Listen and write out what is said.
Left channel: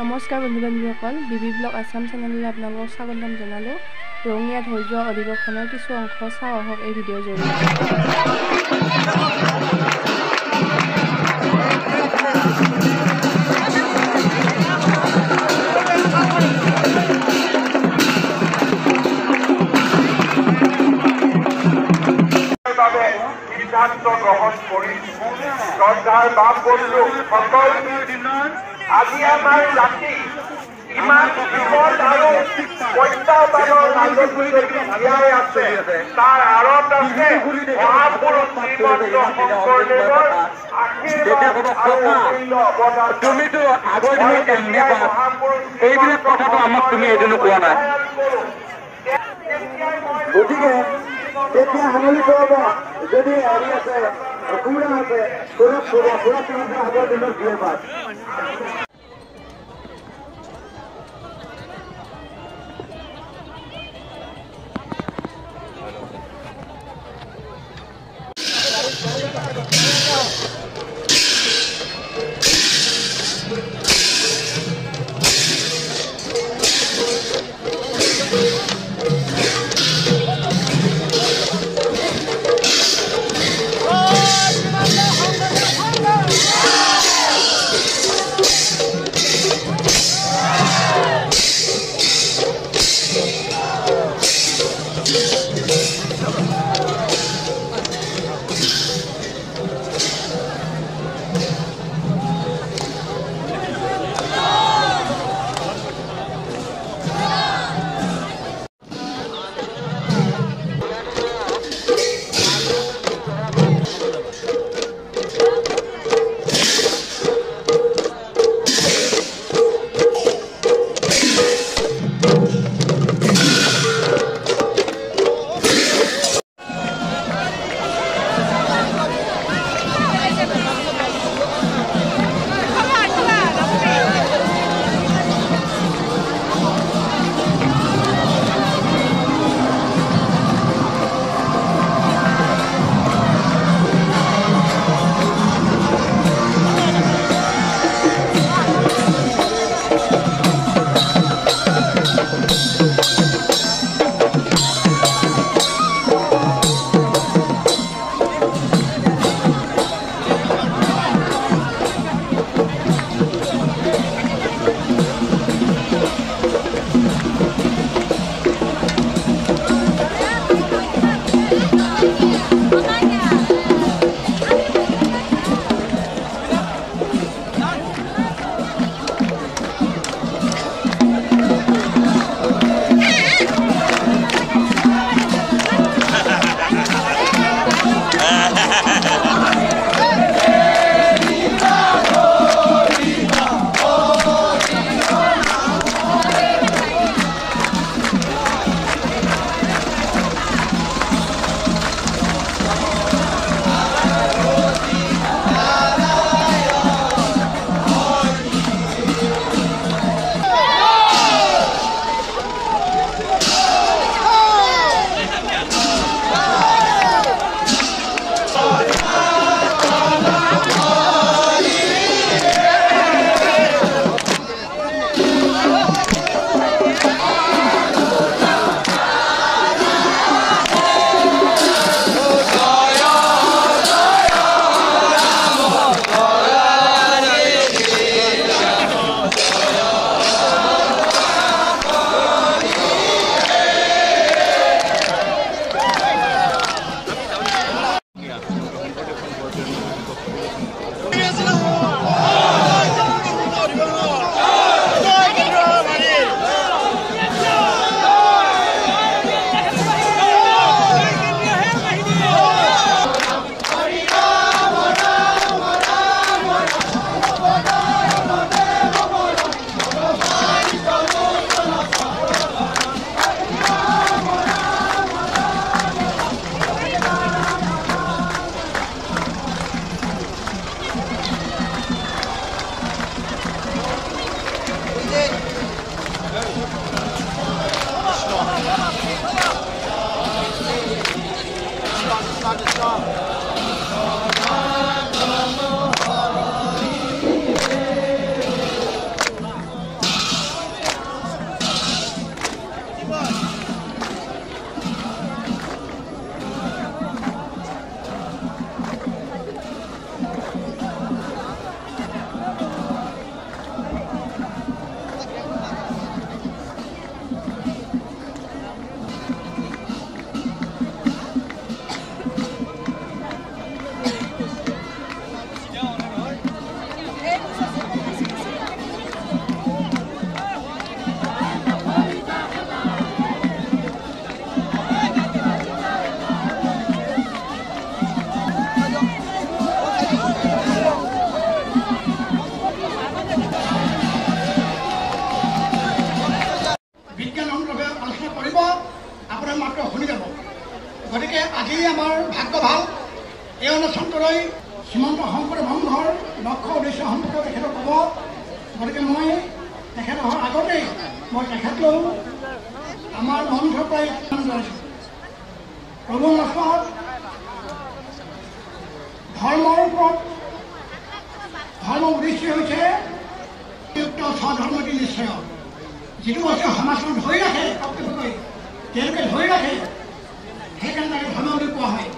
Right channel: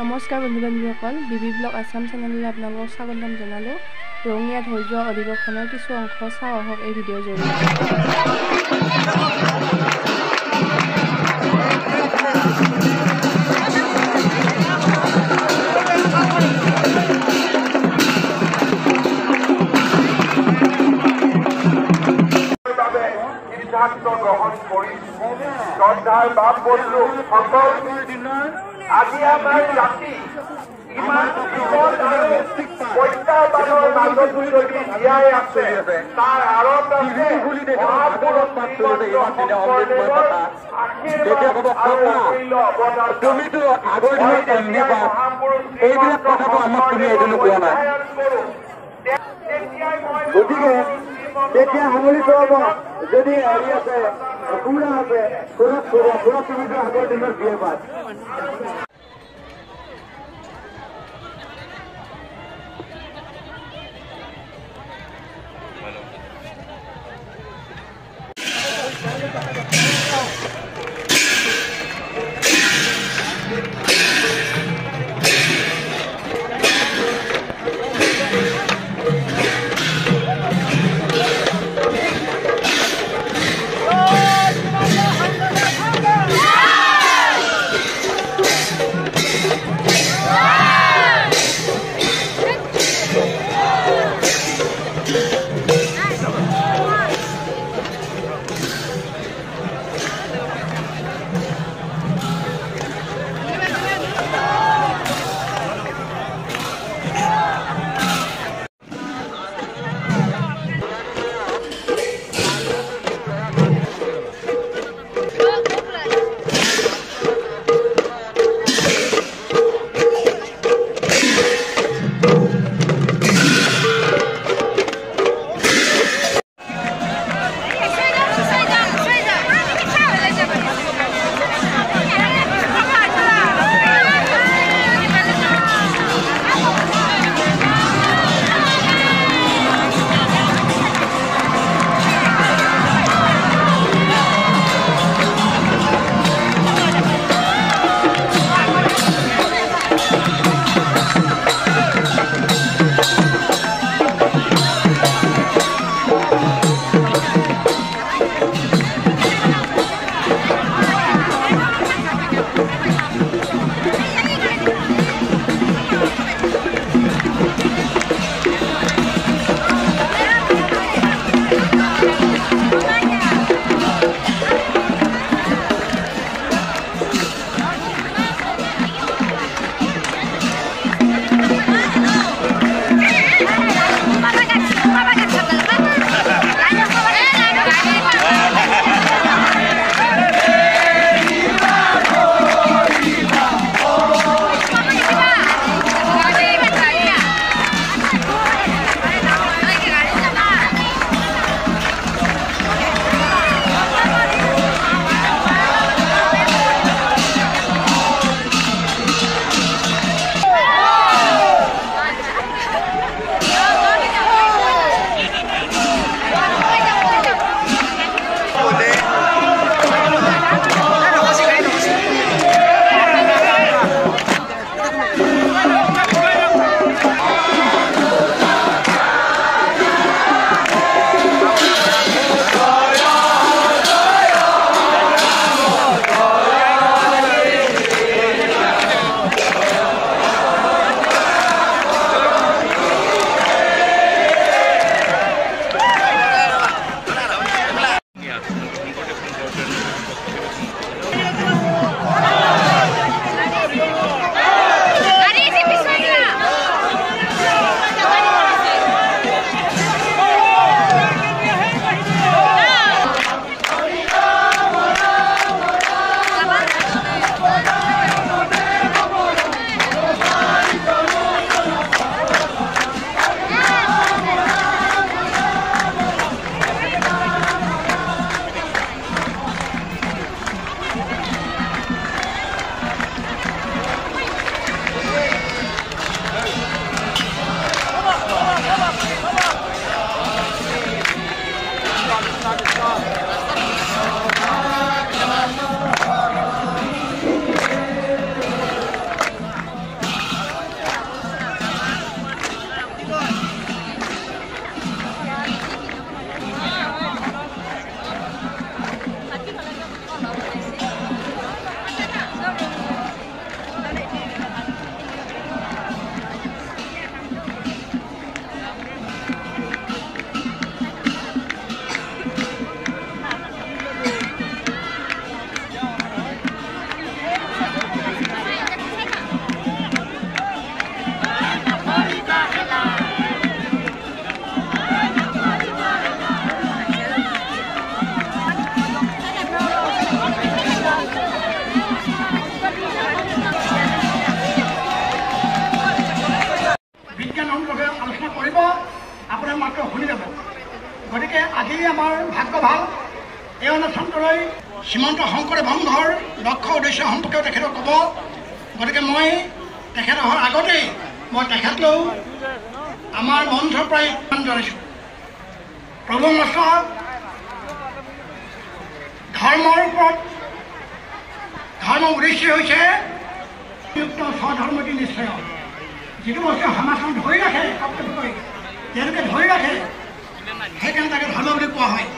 নমস্কাৰ বন্ধু বান্ধৱীসকল, বিবি ব্লগ আছাম চেনেললৈ আপোনালোকক স্বাগতম জনালোঁ। ৰঙিয়াত হৈ যোৱা অধিৱেশনৰ কিছু অংশ চাওঁ আহক এই ভিডিঅ'ৰ জৰিয়তে। আজি আমাৰ জাতি ইমান বিপদ আৰু প্ৰত্যাহ্বানৰ মাজত জীয়াই আছে, তাৰ আঁৰত আছে মহাপুৰুষ শ্ৰীমন্ত শংকৰদেৱৰ তুমিতো আগৰ দিনত এমনি পাছ এইবিলাক কথাটো আমাক তুমি এদিনো কোৱা নাই। গতিকে তেতিয়া সামৰিত হ'ব যদি হেৰি আছে পুৰা আছে পুৰা তোমাকে আগৰ দিনত দিয়ে পাছ। শ্ৰীমন্ত শংকৰদেৱ সংঘৰ লক্ষ্য উদ্দেশ্য সম্পৰ্কে তেখেতক ক'ব। গতিকে মই তেখেত অহাৰ আগতেই মই তেখেতলৈও আমাৰ মঞ্চৰ পৰাই জনাইছোঁ। প্ৰভু মাষ্টৰ ধৰ্মৰ ওপৰত ধৰ্মৰ উদ্দেশ্য হৈছে স্বধৰ্মটি নিশ্চয়, যিটো হৈছে সমাজখন ধৰি ৰাখে, তেওঁলোকে ধৰি ৰাখে, সেইকাৰণে তাকে ধৰ্ম বুলি কোৱা হয়।